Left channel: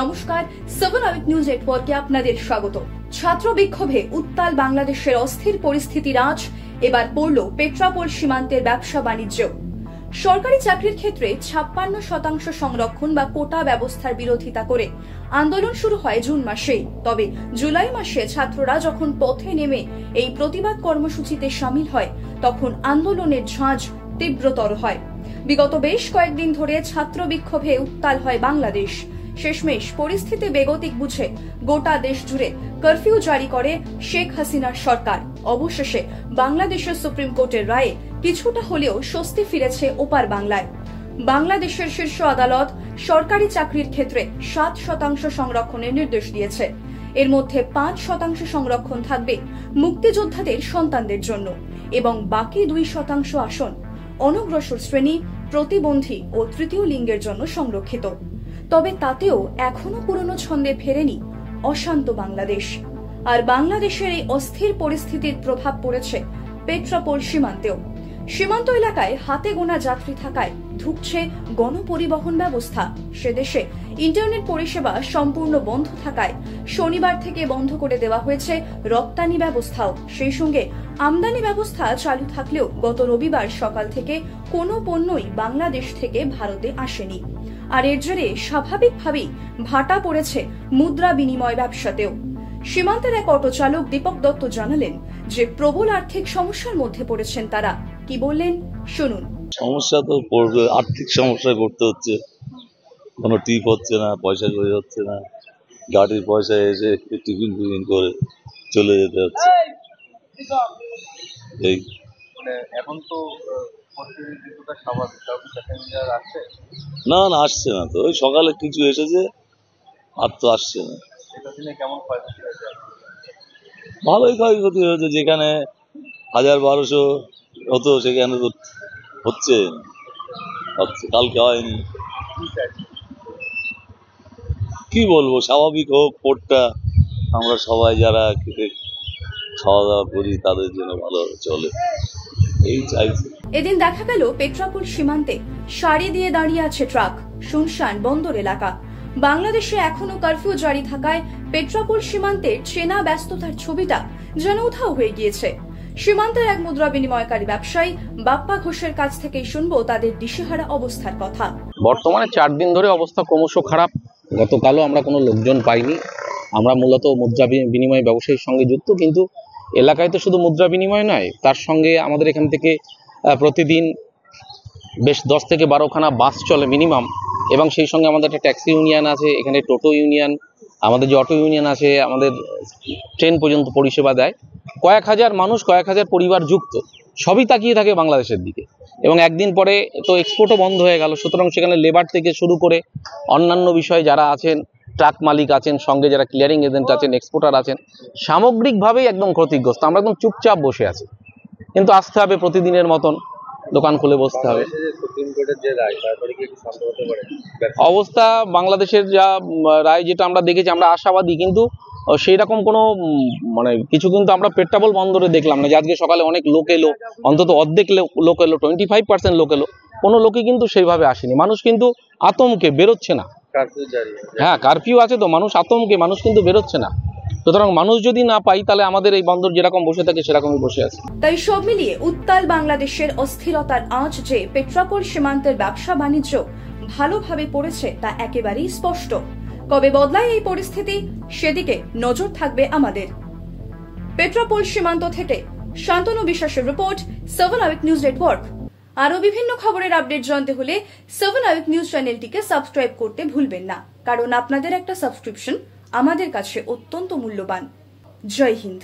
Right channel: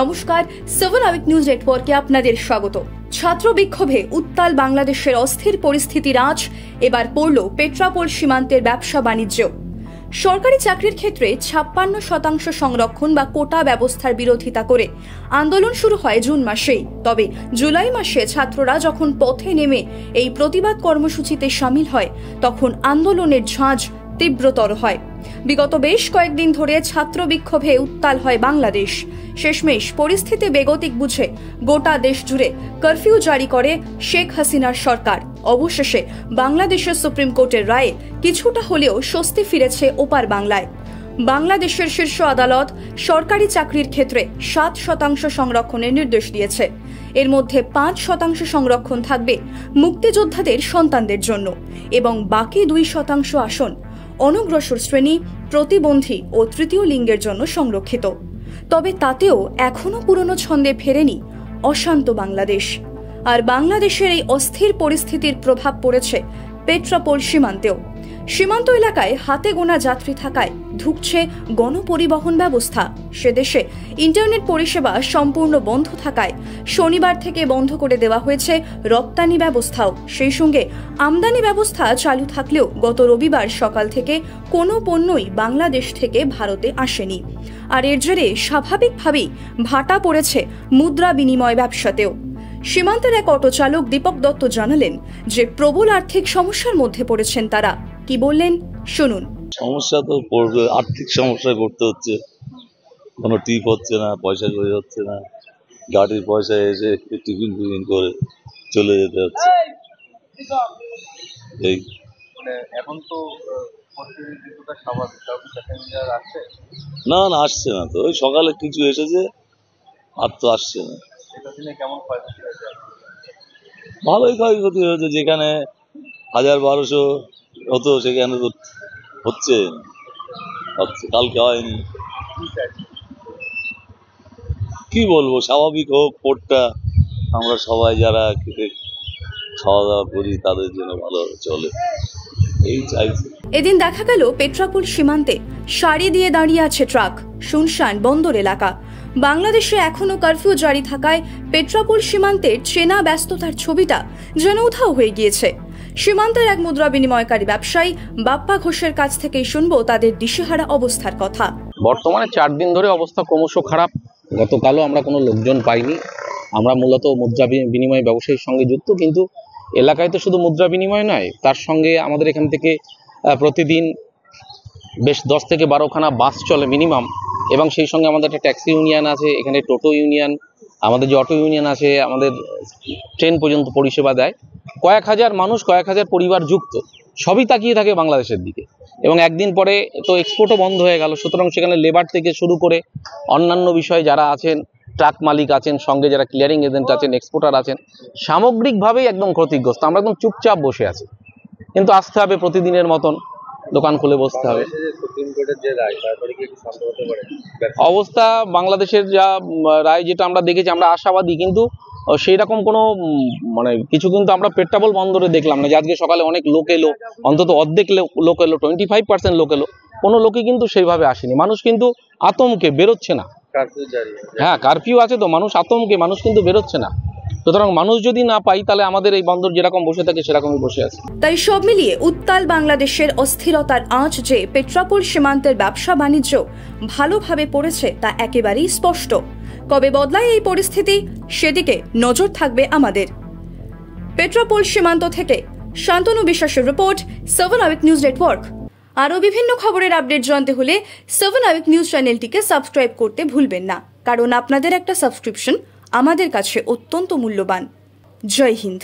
নমস্কার, 7 out news নেটওয়ার্কে আপনাদের স্বাগত। ছাত্র বিক্ষোভে উত্তাল বাংলাদেশের অস্থির পরিস্থিতির আঁচ এবার পড়ল পেট্রাপোল সীমান্তের ব্যবসা বাণিজ্য। সরকারি চাকরির ক্ষেত্রে ৫৬% সংরক্ষণ বা কোটা ব্যবস্থার বিরোধিতা করে আন্দোলন শুরু হয় জুন মাসেই। তবে জুলাই মাসে ছাত্ররা যখন পথে নেমে এই প্রতিবাদ কর্মসূচিতে সামিল হয়, তখন আন্দোলনের ঝাঁজ তীব্রতর হয়। বিগত বেশ কয়েকদিন ধরে ছাত্র বিক্ষোভে উত্তাল হয় বাংলাদেশ। শেষমেশ পরিস্থিতি বেগতিক বুঝে গোটা দেশ জুড়ে কারফিউ জারি করে শেখ হাসিনার সরকার। অবশেষে বাংলাদেশের সুপ্রিম কোর্টের রায়ে কিছুটা হলেও স্বস্তি ফিরেছে ওপার বাংলায়। বাংলাদেশের শীর্ষ আদালত সরকারি চাকরির ক্ষেত্রে ৭% সংরক্ষণের নির্দেশ দিয়েছে। এর মধ্যে ৫% সংরক্ষণ থাকবে মুক্তিযোদ্ধাদের সন্তানদের জন্য এবং বাকি ২% আসন অনগ্রসর শ্রেণী, প্রতিবন্ধী ও তৃতীয় লিঙ্গের জন্য সংরক্ষিত। তবে তাতেও এখনো পুরনো ছন্দে ফেরেনি অশান্ত বাংলাদেশ। আর বাংলাদেশের এই অস্থির পরিস্থিতির প্রভাব পড়েছে পেট্রাপোল সীমান্তেও। সীমান্ত এলাকায় হাতে গোনা যাত্রী থাকায় ধুঁকছে গণপরিবহন ব্যবস্থা। সে দেশে ইন্টারনেট পরিষেবা সম্পূর্ণ বন্ধ থাকায় শনিবার থেকে বন্ধ করে দেওয়া হয়েছে রপ্তানি ব্যবস্থাও। সেই সঙ্গে আমদানি ব্যবস্থা চালু থাকলেও গত রবিবার সকাল থেকে কোনো পণ্যই বাংলাদেশ থেকে ভারতে আসেনি। আর এর জেরে স্বাভাবিকভাবেই ভাটা পড়েছে মুদ্রা বিনিময় ব্যবসাতেও। সীমান্তের এক অটো চালক দীপক দত্ত জানালেন যে প্রবল আর্থিক সমস্যার মধ্যে পড়েছেন তারা। কি বললেন শুনুন। সমস্যা তো পড়বে, আর্থিক সমস্যায় পড়তে হচ্ছে। কোনো টিপ হচ্ছে না, পয়সা করে হচ্ছে না, গাড়ির পয়সা এসে টিফিন করে চলে যেতে হচ্ছে। এই এখন তো না আসছে না তো, ওই সকালে কিছু এসেছে আর তো আসছে না। ভালোই ক্ষয়ক্ষতি হয়েছে, যেখানে ১০০০-১২০০ হতো সেখানে তো হচ্ছে কালকে হয়নি। কি বলবো, স্বাভাবিক হোক পোর্টটা, আমরা সবাই যারা খেতে খাওয়া দাওয়া করি তাদের জন্য ভালো চলে, এই চাইছি। এদিন দেখা গেল পেট্রাপোল সীমান্তে সারি দিয়ে দাঁড়িয়ে আছে ট্রাক, শুনশান বন্দর এলাকা। বাংলাদেশে এখনো কারফিউ জারি থাকায় পেট্রাপোল সীমান্তের চেনা ব্যস্ততার ছবিটা যেন উধাও হয়ে গিয়েছে। সীমান্তের এক মুদ্রা বিনিময়কারী ব্যবসায়ী বাপ্পা ঘোষের কাছ থেকেই শুনবো তাদের দিশেহারা অবস্থার কথা। বর্তমানে ৪ দিন ধরে অবস্থা ক্রমশ খারাপ। গতকালও আমরা কোনো লোকজন পাইনি। আমরা মূলত মুদ্রা বিনিময় ব্যবসায়ীর সঙ্গে যুক্ত, কিন্তু এলাকায় তো শুধু মুদ্রা বিনিময় নয়, তার সঙ্গে আমাদের এখান থেকে প্রতিদিন বেশ ১০ থেকে ১২খানা বাস চলে মিনিমাম, এবং সেই সঙ্গে আমাদের একটা ট্যাক্সি ইউনিয়ন আছে, এখানে টোটো ইউনিয়ন, আমাদের যে অটো ইউনিয়ন আছে, আমাদের ট্রেন পর্যন্ত পরিষেবা দেয়। কয়েক হাজার মানুষ, কয়েক হাজার পরিবার যুক্ত, সবই তাকিয়ে থাকে বাংলাদেশের দিকে। এবং একদিন পরে তো এক্সপোর্টও বন্ধ হয়ে গেল, সুতরাং সেখানে লেবার থেকে শুরু করে অন্যান্য বিষয়ে যারা আছেন, ট্রাক মালিক আছেন, সঙ্গে যারা ক্লিয়ারিং এজেন্ট আছেন, এক্সপোর্টার আছেন, সামগ্রিকভাবেই একদম ক্ষতিগ্রস্ত। আমরা একদম চুপচাপ বসে আছি, কিন্তু আসতে হবে প্রতিদিনের মতন, দোকান খুলে বসতে হবে। অবস্থা বাংলাদেশের যা রায়, যেটা আমরা দেখেছি, আমরা আশাবাদী, কিন্তু সেই রকম কোনো কিছু কিন্তু আমরা পেট্রাপোল বন্দরে দেখলাম না। যে আজকে সকালে অনেক লোক এলো, অন্তত অর্ধেক লোক এলো, 25% লোক এলো, কোনো লোকই কিন্তু সেইভাবে আসেনি। মানুষ কিন্তু আতঙ্কে বেরোচ্ছে না। হ্যাঁ, কারফিউ আছে তো, মানুষ আতঙ্কে, মানুষ কিন্তু বেরোচ্ছে না। সুতরাং মানুষ যদি না পাই, তাহলে আমাদের এই বন্দর যেরকম বসে থাকে সেরকমই বসে আছে। তাই সব মিলিয়ে উত্তাল বাংলাদেশের অস্থিরতার আঁচ যে পেট্রাপোল সীমান্তের ব্যবসা বাণিজ্য ভালোভাবে পড়েছে তা একেবারেই স্পষ্ট। কবে বদলায় এই পরিস্থিতি, সেদিকে নজর থাকবে আমাদের। পেট্রাপোল সীমান্ত থেকে শান্তনু বিশ্বাসের রিপোর্ট, 7 আউট নিউজ নেটওয়ার্ক। আরও বিভিন্ন খবরের আপডেট জানতে হলে 7 আউট নিউজ চ্যানেলটিকে সাবস্ক্রাইব করতে ভুলবেন না, কারণ আপনাদের একটা সাবস্ক্রিপশন আমাদের কাছে অত্যন্ত মূল্যবান। জয় হিন্দ।